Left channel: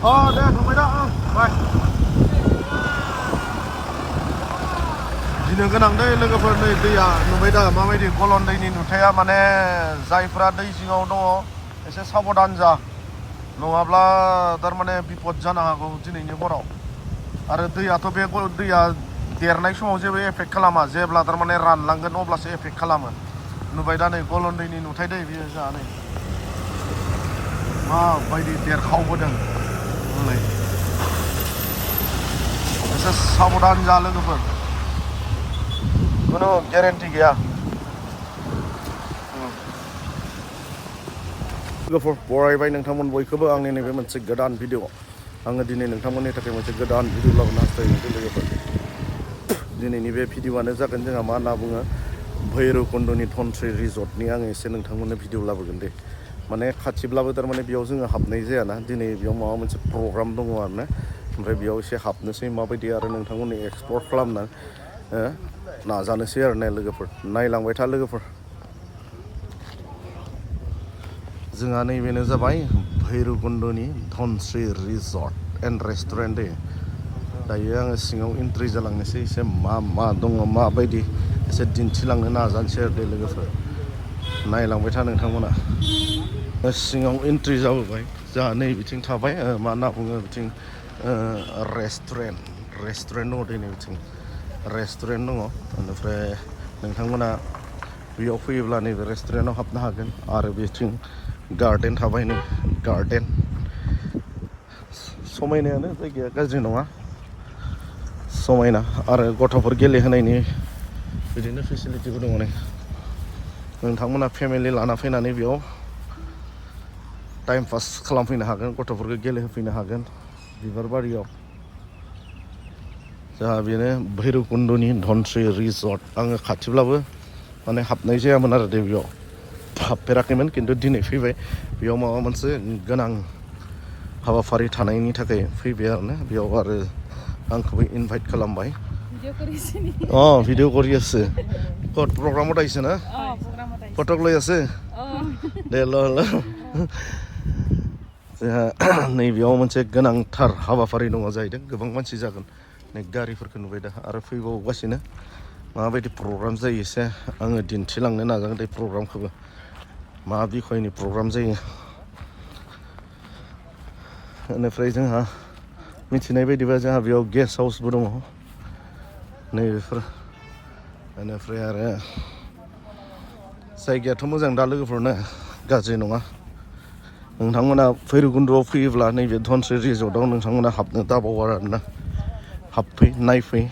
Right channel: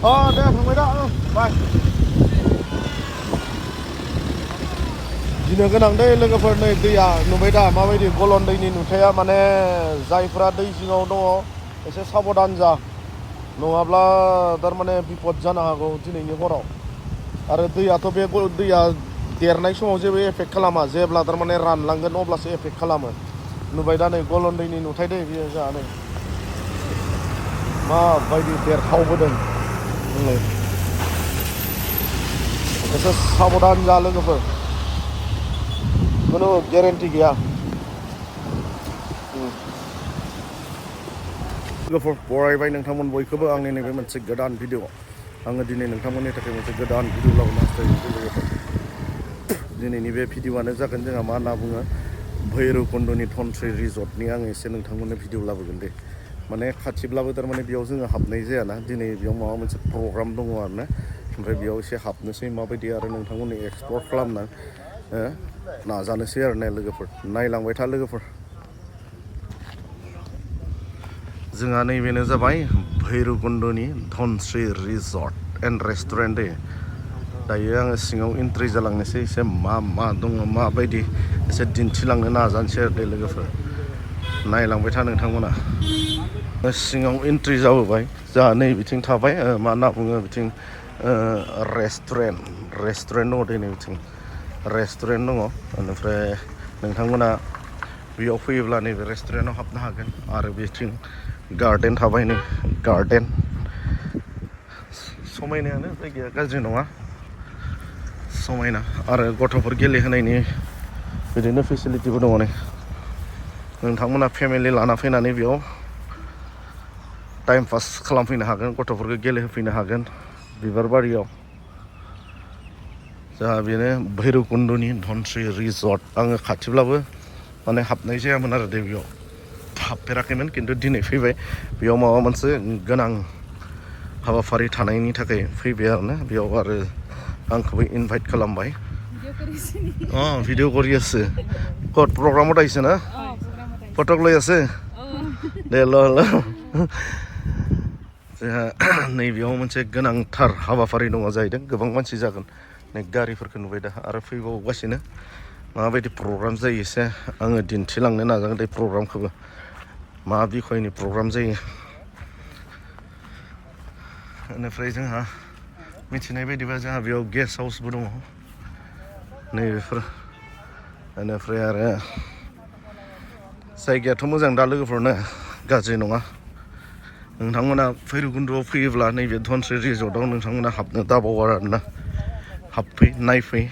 दे फंबाय दा बाय गिनो गोनां दै लोगोफोर नै दैया नुबाय दा माबायदि गलन दैनि नुथाया माने जायफ्रा दै जिङाव दङ एसे साबधान जा नङाब्ला थारमाने बिपद जानो हागौ दिनैनि हराव आरो दैयाथ' बे दैया देरनाय समाव जेबो एफेक्ट खालामा जेब्ला थारमाने रानलांगोन अब्लासो एफेक्ट खालामो नुबाय दा नै गलन दैनि नुथाय दै बेयो जोंहा नै माबायदि देरखावबोदों बुंलाय एसे साबधान जा लोगोफोर खुनु गेरेन्टि गैया लोगोफोर बरायबाय नोंथांमोन बयखौबो आंनि नैबे मोनसे गोदान भिडिअ आङो दिनै नोंथांमोननि थाखाय मोनसे गोदान भिडिअ लाबोनो हास्थायदों लोगोफोर दिनैनि बे भिडिअआनो जागोन जोंहा मा होनना बुङो भैरबकुन्दनि धनस्रि रिजर्टनि आङो एसे नोंथांमोननो भिडिअ लाबोगोन दे माने खाथिब्लाबो थारमाने बेयाव जोङो हाबनाय जायाना दिनै बेयाव माबा मोनसे प्रग्राम दङ आरोना ओमफ्राय बेयाव एसे हाबनोसै माबायदि आरो नोंथांमोननि एक्सप्लर खालामना नाजानोसै आरो ना लोगोफोर नायलांबाय था लोगोफोर जोंहा नैबेनो जाबाय भैरबकुन्दनि धनस्रि रिजर्ट एन्ड रेस्टुरेन्ट दे दायो आङो सिङाव एन्ट्रि जालांनोसै एसे मा दङ माबायदि एसे दिन्थिलांनो नाजानोसै आरो दे लोगोफोर नायलांबाय था नोंथांमोना सिङाव एन्ट्रि जाबोबाय जोंहा नै बिथिं थाबाय मा होनना बुङो बिथिं रेस्टुरेन्ट दङ दे नै बिथिं रेस्टुरेन्ट दङ बेनिफ्राय नोंथांमोना बेयाव फैयोब्ला नैबे रेस्टुरेन्टआव हाबनो हागोन आरो बिथिं गार्डेन थाबाय नै गार्डेन समायनायानो जायगाया गाज्रि नङा समायना आरो गथ'फोर गेलेहोनायनि बिदिनो फेसिलिटिबो दङ नै नोंथांमोना फेमिलि लाना फैनानै बेयाव टाइम पास खालामफैनो हागोन गथ'फोरखौ गेलेहोफैनो हागोन बिबार बारियाव जोंहा बेनो भैरबकुन्दनि धनस्रि रिजर्ट आङो खाथिब्लाबो माने हाबनाय जायामोन आरो दे बेयाव हाबफेराखैमोन खिन्थु दिनै फैबाय बेयाव माबा मोनसे गोनां हाबाफारि थानायनि थाखाय फैबाय आरोना बेयाव आरो आंखौबो इनभाइट खालामबाय ভিডিঅ' কৰি আছে ক'ত প্ৰগ্ৰামত আহিছে না ফটো লৈ আছে দে ल जोंहा नैबेयाव मोनसे गोनांथार हाबाफारि दङ जाहैदों गोबां मानसि जागोन नै गारिफोरखौ नुबाय दा आरो फैबावगासिनो माबायदि प्रग्राम जायो एसे आङो दिन्थिलांनो नाजागोन दे प्रग्रामखौबो मा बिखयनि प्रग्राम जायो बेनिफ्राय जोंहा मिथिनाय बायदिबा जोंहा बेयाव गेस्ट हाउसबो दङ नैबेफोर बेनिफ्राय आरो जायगायाथ' मोजां दा लोगोफोरनो गाज्रि नङा नोंथांमोना भैरबकुन्दआव फैयोब्ला नैबे धनस्रि रिजर्टआव नोंथांमोना हाबनो दाबाव आरोना हाबफै नायफै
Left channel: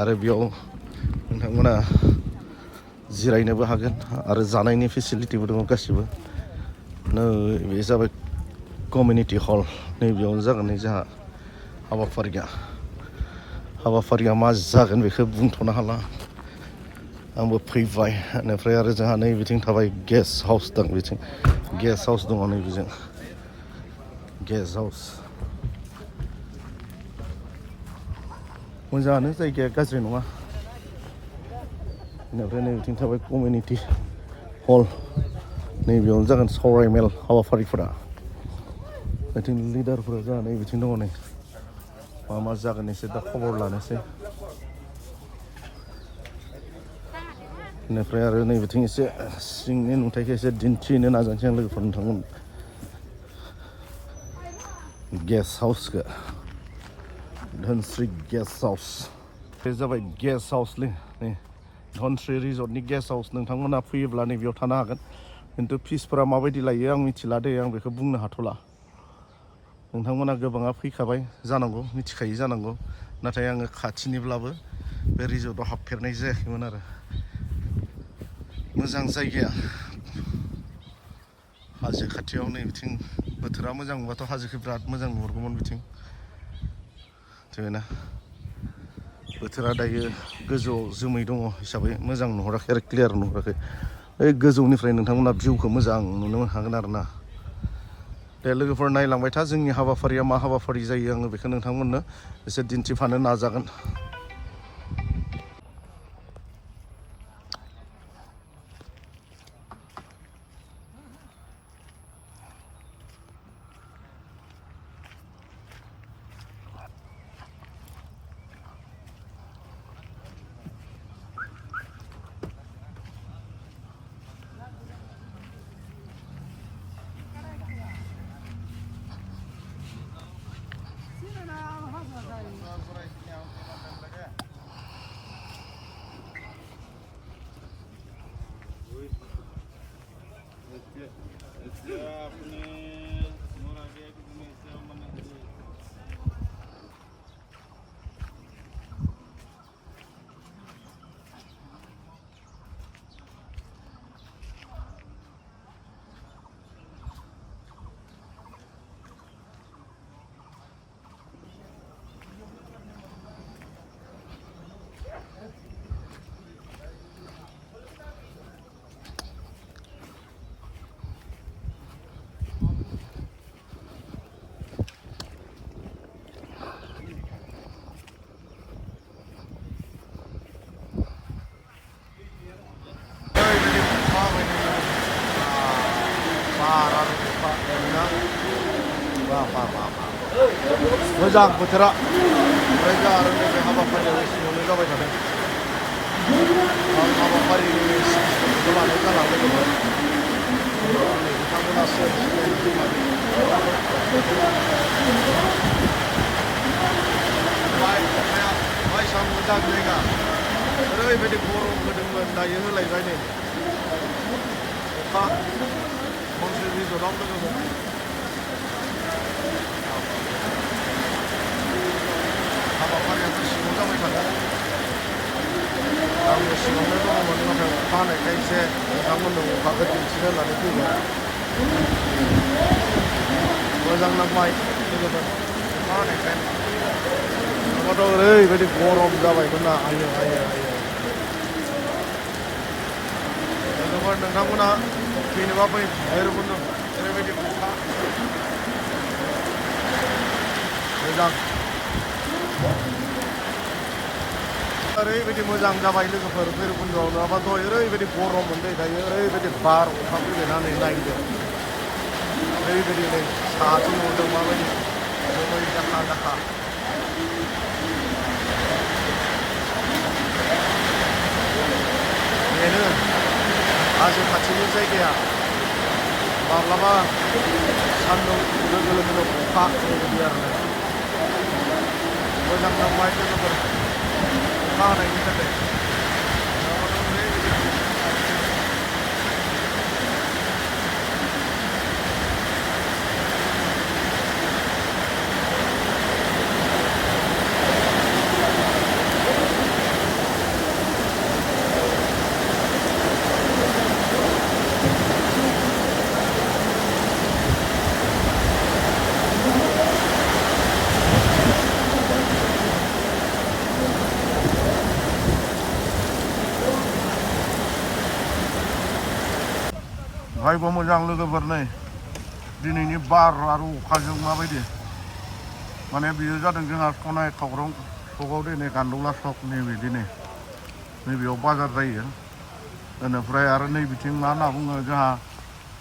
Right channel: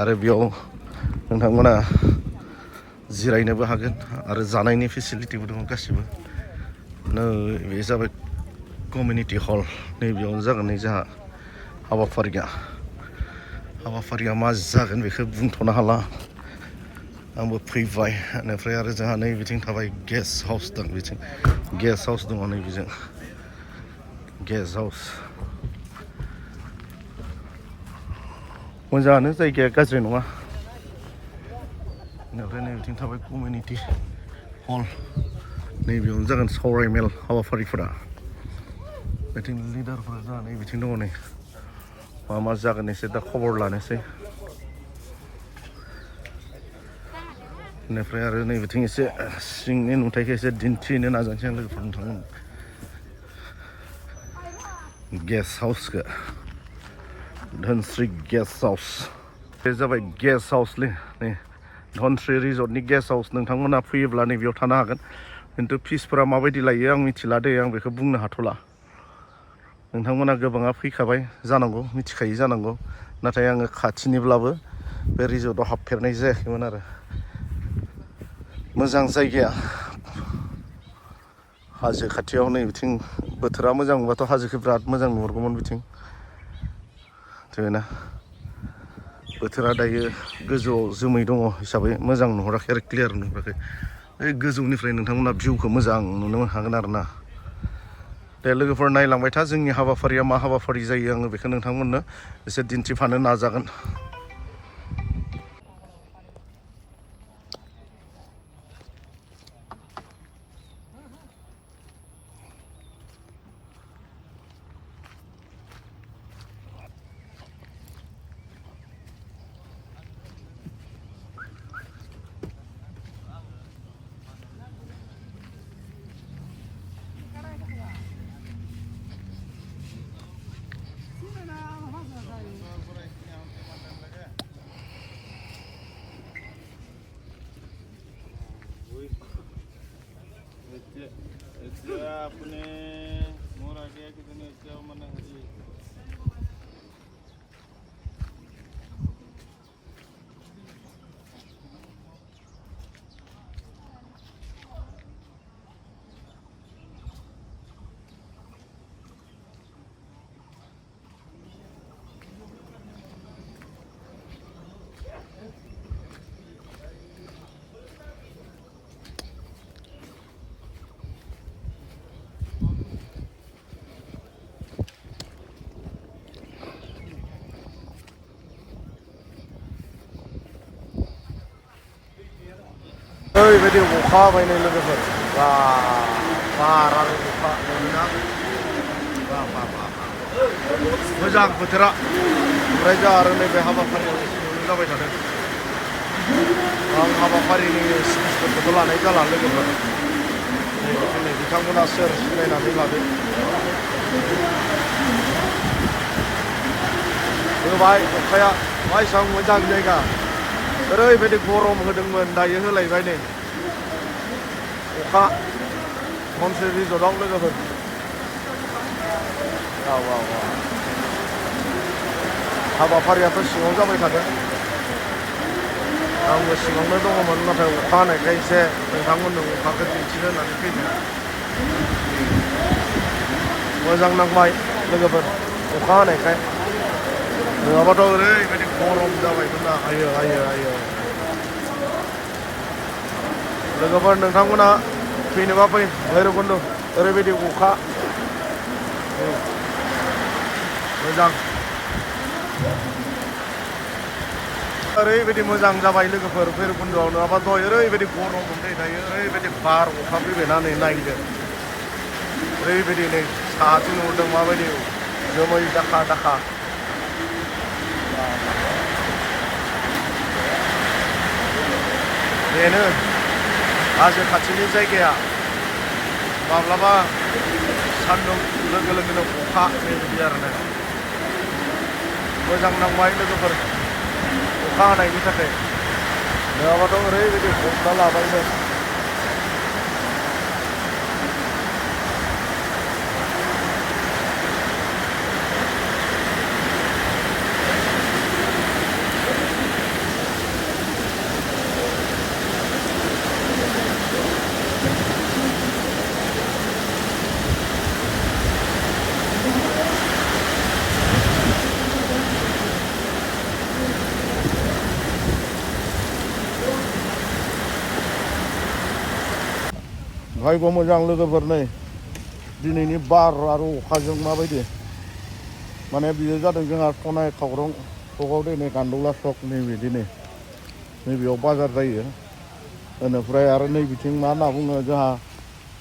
आरो बेयाव नोंथांमोना जिरायनोबो हागोन आरो जानायनि फेसिलिटिबो दङ गासिबो बे जाबाय कमिउनिटि हल नैबेयावनो जागोन नै जोंहा हाबाफारिया मा जागोन बेखौ बुंथ'नो हाला आंबो फैबाय बेनिफ्राय आरो जोंहा नै बिथिं थाबाय गेस्ट हाउस दं बिथिं गेस्ट हाउस दङ नै बिजों गेस्ट हाउस मोजाङानो जायगाया गाज्रि नङा बेनिफ्राय नै बिथिं थाबाय कमिउनिटि हल नैबेयावनो जागोन सावरायमेल हाबाफारिफोरा बिथिं लिडारफोरा जोंहा नै बिथिं दङ नै मा जागोन एसे दा खबर लानोसै बेनिफ्राय आरो नै बिथिं एसे सिंनि नुथायखौ एसे दिन्थिनो नाजानोसै आं लोगोफोर नोंथांमोन गेस्ट हाउसखौ धनस्रि गेस्ट हाउस बे जाबाय गेस्ट हाउसलै नै धनस्रि रिजर्टनि गेस्ट हाउस नोंथांमोना फैयोब्ला नैबेयाव थानो हागोन खिन्थु फिसफोरा माबायदि लायो आं मिथिला दे आं बेखौ बुंनो हाथ'ला नोंथांमोना गोबाङा फैखाबाय जानांगौ मिथिखायो जानांगौ नाथाय आङो खाथिनिब्लाबो बे रिजर्टआव हाबफेरनाय जायाखैमोन आरो मोजां जायगाया हाजो खाथियाव नै बिथिं बोथोरा मोजां मोनबाथ' हाजोखौ बिराद मोजां नुहुरगौमोन बिथिं जोंना बोथोरा दायो गोजौआव जोमै दङ हिसाबै मोजां नुहुराखै आरो क्लियार नुहुराखै ओइ गोजौनिफ्राय नोंथांमोना भिउखौ मोजां नुनो हागोन आरो ना दे लोगोफोर नायलांबाय था जोंनि हाबाफारिया मा हाबाफारि जायो आङो बेखौ नोंथांमोननो एसे दिन्थिफानो नाजागोन अपने मोर आगे कि तुमने क्या मना ओरैबायदि अखा बायनाय लोगोफोर बार आरो अखा मोनोना मोजां बोथोरा ओमफ्राय जोंहा आरो नैबे हाबाफारियाव सिङावनो जाबाय थादों आं हाबाफारिनि सिफोरखौबो लानाय जाला लोगोफोर दिनै बिथांमोना सोर सिनायनानै लादों होबाय अखाया एसेबां मोजां जायगा ओरैबायदि गरम होदोंमोन दायो होलायबाय नै अखा धनस्रि रिजर्टआव लोगोफोर हाबाफारियाथ' सिङाव जाबाय थादों आंबो सिङावनो दङमोन नाथाय अखा हानायखाय एसे नोंथांमोननो अखाखौ दिन्थिनो होननानै फैदों मोजां नांबाय लोगोफोर अखा हानायखाय नङाबाथ' ओरैबायदि गरम जाबायमोन ना आयो लोगोफोर नोंथांमोना फैनोबा फै भैरबकुन्द ओरैबायदि अखा मोजां ओरैबायदि मोजां जाबाय लोगोफोर भैरबकुन्दआव नङाबाथ' ओरैबायदि गरम मोनबाय दायो ओरैबायदि बार अखा फैबायना नै नायदो ओरैबायदि नै साहाथिं नुदों माबायदि जोमै दाखा बेनो हाजो खाथिनि जायगाया माब्लाबा सान्दुं लोगो लोगोनो अखा बेबायदि आरोना मोजां नांबाय लोगोफोर अखा हानायनि थाखाय नङाबाथ' ओरैबायदि हमना लाबायमोन भाइबो मोजां लोगोफोर नै दिनैनि बार आरो अखाजों माबायदि माने बियो जादों जोंहा सनाय खावरं सकआव दिनै गान्दौला सक नैबे दिनै नैबेयाव बाजार जायो बेनिफ्राय आरो नै बिथिं मा होनना बुङो जोंहा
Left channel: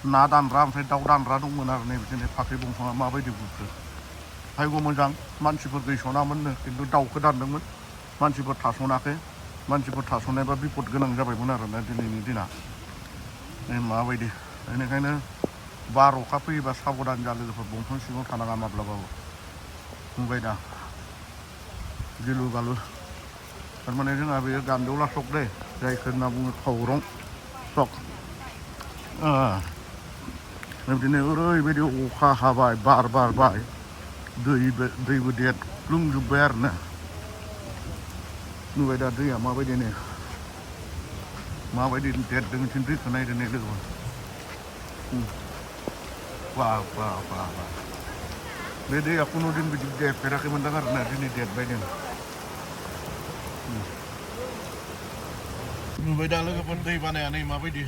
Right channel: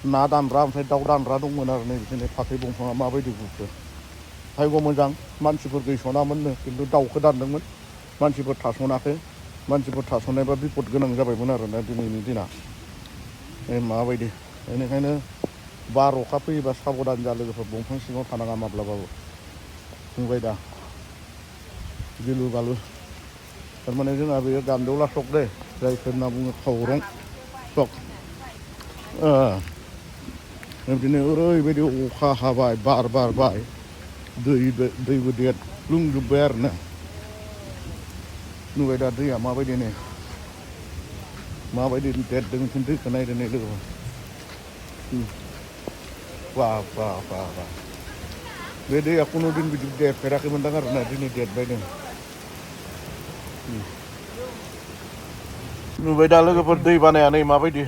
ना दानग्रा ओमफ्राय दाउ दानग्रा दंमोन आरो नै बिथिं फाथै दंफाङा माबायदि बुखो भाइबो मोजां मानसिफोर गैसनामोननो खिन्थु दाउखौ दानदोंमोन मानसिफोर थासनाखै मानसिफोर थासनायबा बिपद गोनां जाबायमोन आरोना दिनैनि दिना माबायदि बेनिखायनो बार अखा फैयोबा साबधान जा लोगोफोर दंफां सिङाव थानाङा माब्लाबाबो बुंबाय दा गिलु गालु थारमाने जोंहा बेयो गान्दौला सक दे जायखौ होनना बुङो खावरं सक बिदिनो ओरैबायदि अखा हाबाय बार बारबाय दैबो देरफ्लुंजोब्बाय आरो ना नुबाय दा दैया माबायदि नै माबायदि देरदों खिन्थु दैखौ नायदो नै लोगो वाह बे दैया खुनु दिन बिदि देरफेराखैमोनदां आरो ना दिनै देरबाय दं नुबाय दा लोगोफोर दै बानाया नै माबायदि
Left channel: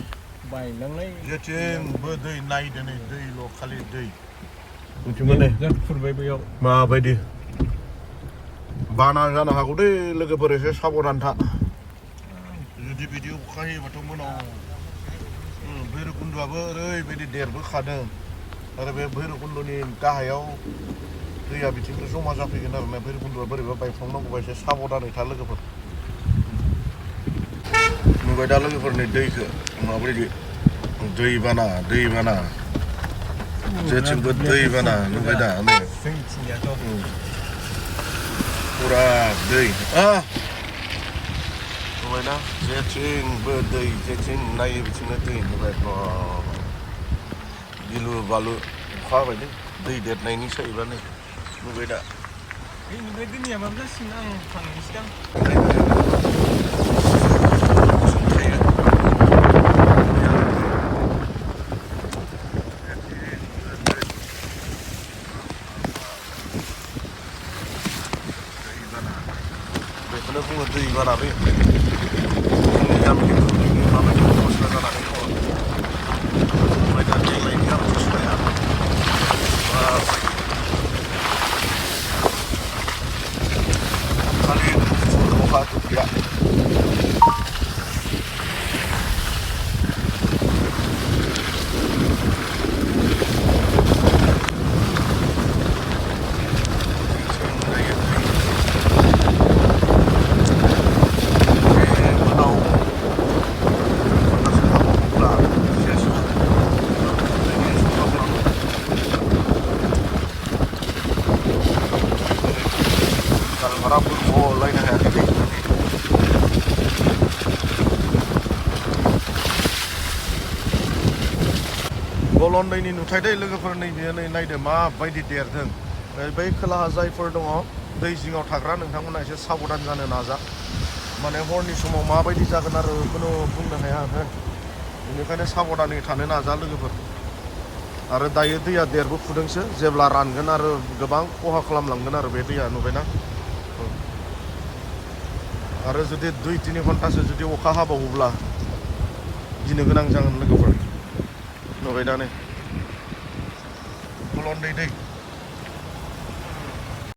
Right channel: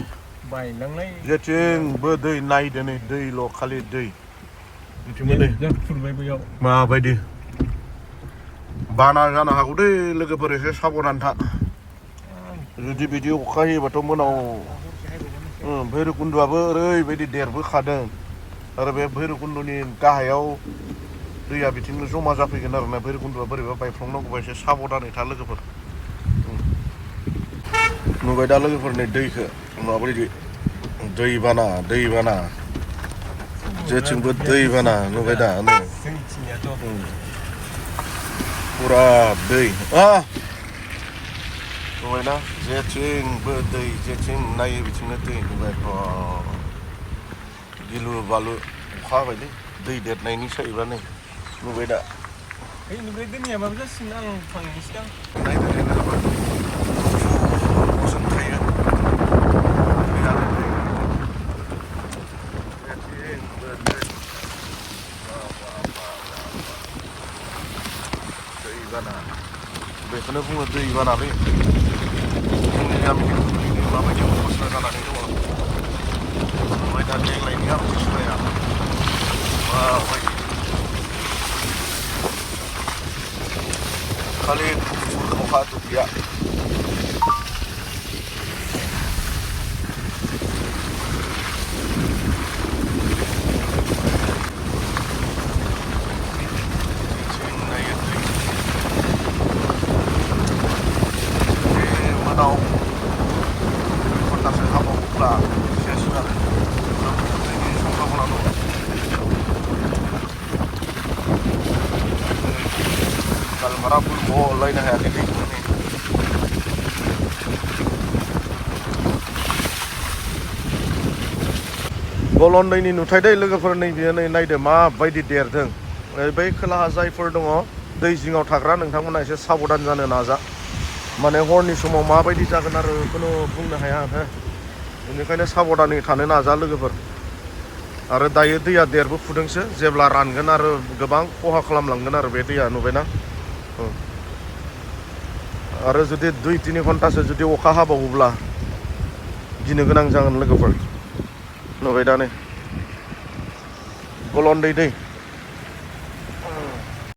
बायलांनाय जेथिंबो दै नायदो नै दैल' खालि दै फुरबाय बैयाव माबायदि बाना जानो हागौ दै लोगोफोर एसे साबधान था जुदि बिदि अखा हायोबाथ' मोनाव भैरबकुन्द'आबो ओरैबायदि देरबोखादों आरो बे भैरबकुन्द'नि गाहायाव दैया बिथिंनो जमा जाफैगोन आरोना भैरबकुन्द'आ बोरैबा बायफ्लंनांगौबा एसे साबधानै था लोगोफोर नुबाय दा लोगोफोरनि दैखौ माबायदि दैबाना जेथिंबो दैबाना नुबाय दा नै फुरा दै नुबायना जेथिंबो दै जेथिं नायो बिथिंनो दै नुबाय गिलु बालु अखा हाबायलै दै देरनायनि सायबा नै नुबाय दा बेनिफ्राय दोनैयाबाबो जासिगोन आं थांनायनि सिगां थायो दैबाना बेखौनो बुङो दैबाना बे जोंनि गामिनि दैनि माबायदि अबस्था जानानै दङ ओमफ्राय दा देग्लायनि आमथिसुवाया माबायदि खालि गुफुर अखा दुब्लिया गालमाराफोरखौ लायनो हायाखै दैखौनो गलन्दैनि नुथाय दै लोगोफोर नैबे नै नायदो माबायदि देरदों बै खोलाहा जायफोर दङ दै जिङाव थाग्रा नोंथांमोना एसे साबधान जानो नाजा माने हरनि समाव माबायदि जागोन आरो खुनु बुंनो हाया बेनिखायनो साबधानै थानो नाजा लोगोफोर आरो दायो दैया देरबोफुदोंसो जेब्ला रानगोन आरो गोबां खहा खालामलांगोन आरो बे दैया नुबायना आरो जुदि 2-3 घन्टासो जुदि अखा हाबावोब्ला गिनो गोनां जागोन लोगोफोर नुबाय दा नै गलन्दै दै